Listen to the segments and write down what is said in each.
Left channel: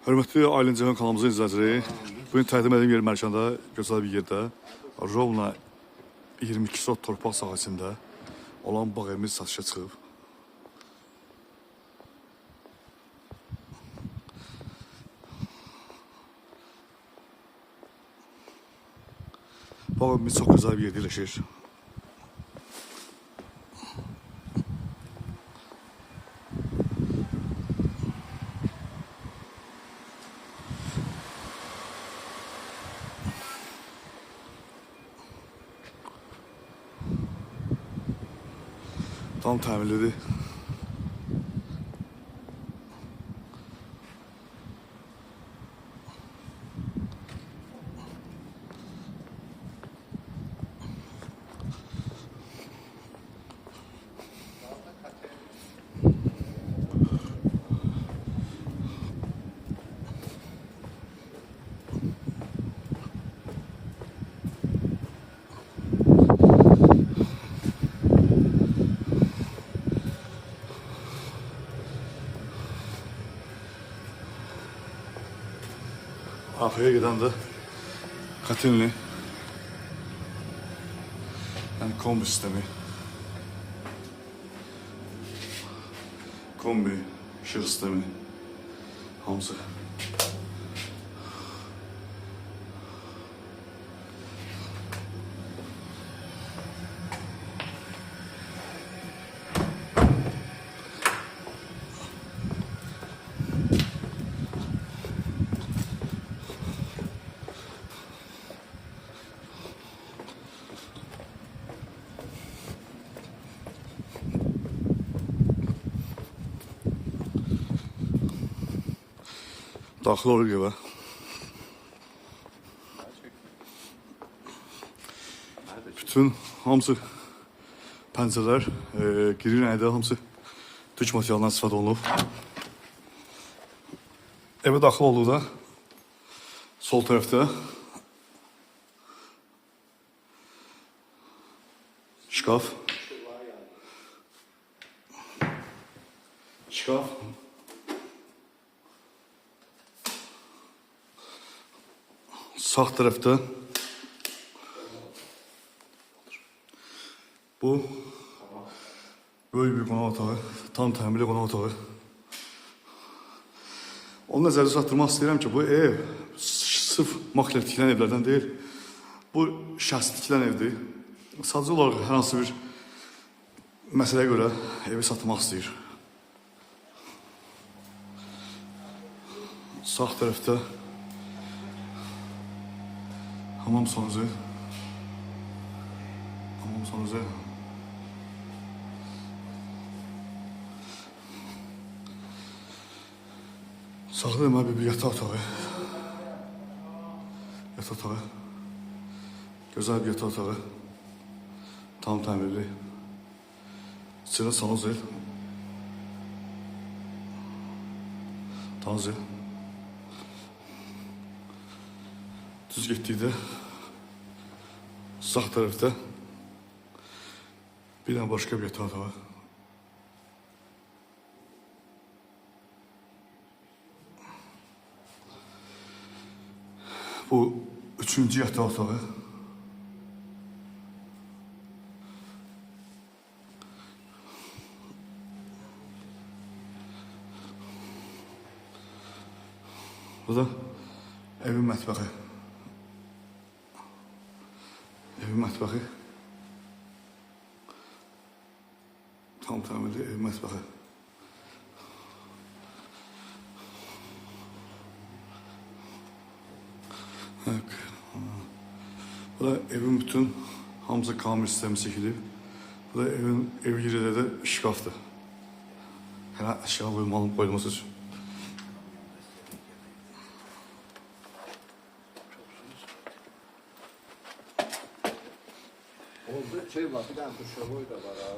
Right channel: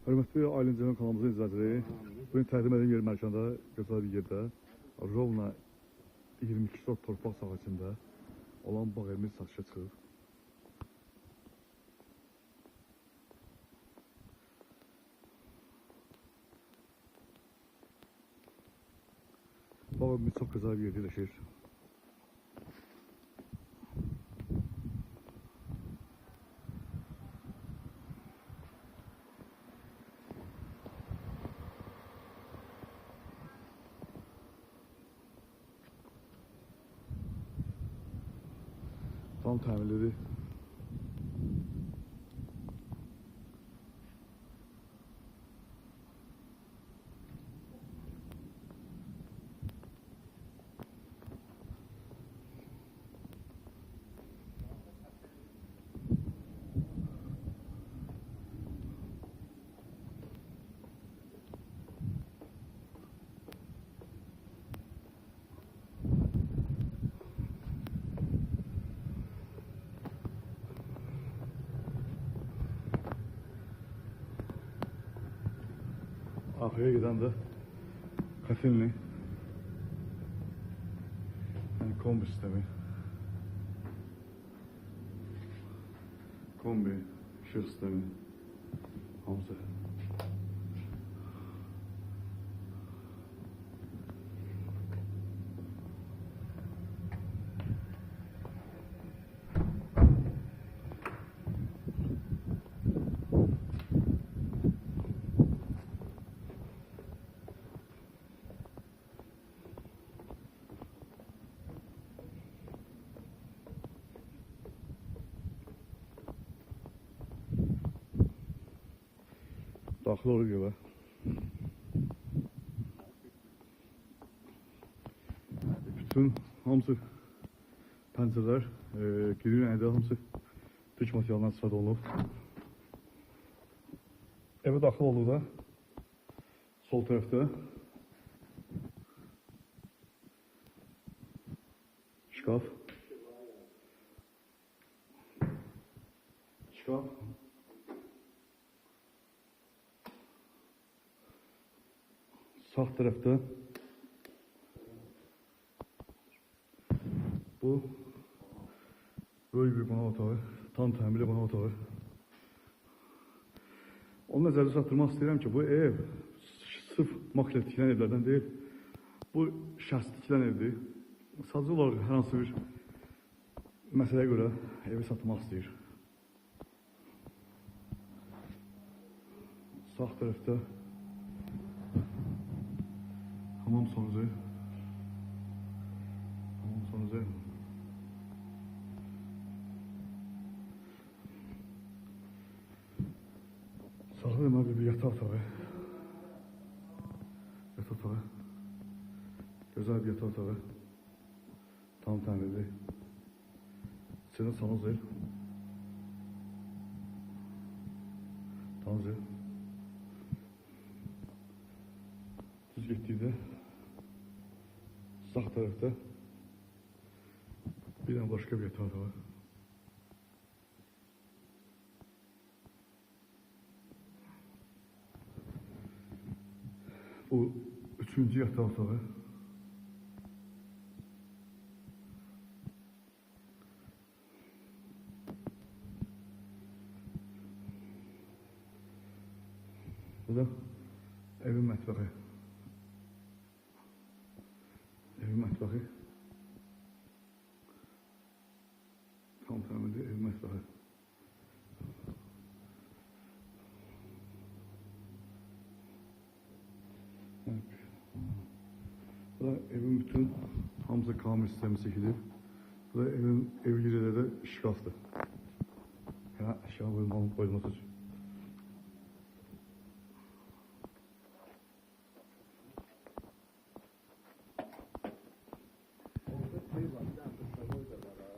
Hörmətli Aylin Cəhan kanalımızın izləyiciləri, bugün təqdim edilən yer Mərkəndə, gözəl bir yerdə, Rovna 22 sot torpaq sahəsində olan bağ evimiz satışa çıxıb. Bağ evimiz çox gözəl bir yerdə yerləşir. Tam təmirlidir. Arkaya giden de katilli, yani kombi sistemi, kombi, ışık sistemi, hamısı. Daxil olur evə. Bütün hamısı pəncərələr, giri rəngdə hamısı türk materialından istifadə olunub. Evə daxil olduqda sol tərəfdə şkaf, sağ tarafta bu böyle bir qonaq otağı, tam təmirli qonaq otağı. Onu nəzərdə çatdırmaq istəyirəm ki, bu ev sırf makler tikilən evlərdən deyil, bu şəxsi tikilən evdir. Sadəcə olaraq hər hansı bir məsələyə görə evi satmaq istəyir. Sağ tərəfdə hamam sonucu. Sağda hemen bir yataq otağı. Güzel bir yataq otağı. Tam təmirli. İçində sanuzel. Taze. Düz getdikdə sağ tarafta bir tane başka bir yataq otağı. Bu üçüncü yataq otağı. Bu da evin mətbəxi. Tam təmirli ev mətbəxi. Bu da evin bütün hamısı kamil sistemi çəkilib. Bu da ev yerində də şkafdır. Yəni əşya qoyulması üçün. Şey var, bir tane duşaboy da var ha.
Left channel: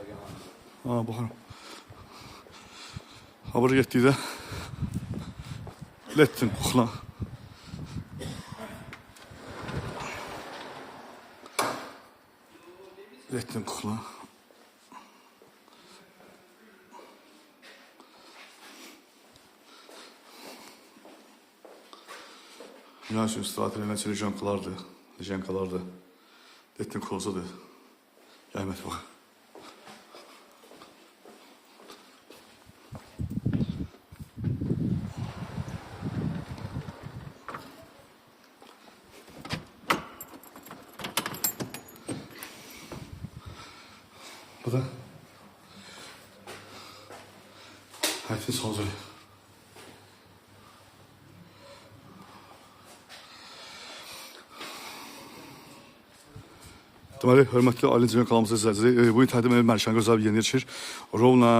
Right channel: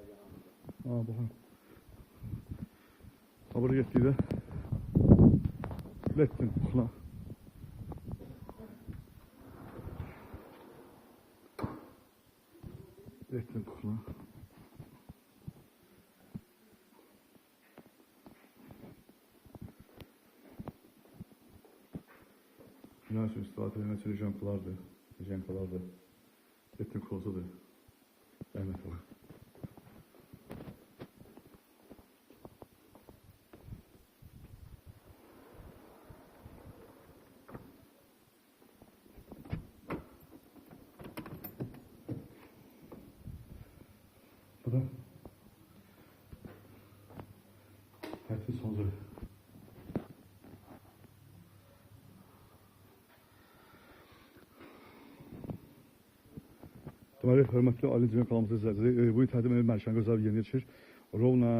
Ha, baxın. Habır getdikdə lettin kuxla. Dünya üçün istirahət edilən Lejenkalardır. Lejenkalardır. Ettin kozadır. Rəhmət bax. Bu da həyətin sazı. Deməli, hörmətli Ali İncəsənət kanalımızın izləyiciləri, bu gün Tədim evi Mərkəzi gözəl bir yeni yetişir. Rovna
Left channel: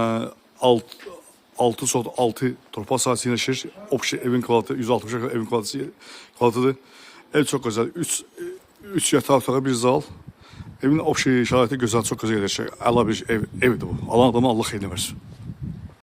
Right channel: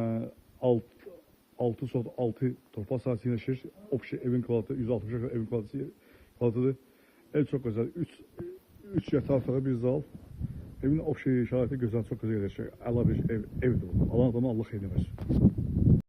6/6 torpaq sahəsi yetişir. Obşi evin kvalitəsi 160 evin kvalitıdır. Ev çox gözəl. 3 yataq otağı, bir zal. Evin obşi şəraiti gözəl, çox gözəl yetişir. Əla bir evdir bu. Alan adama Allah xeyirli versin.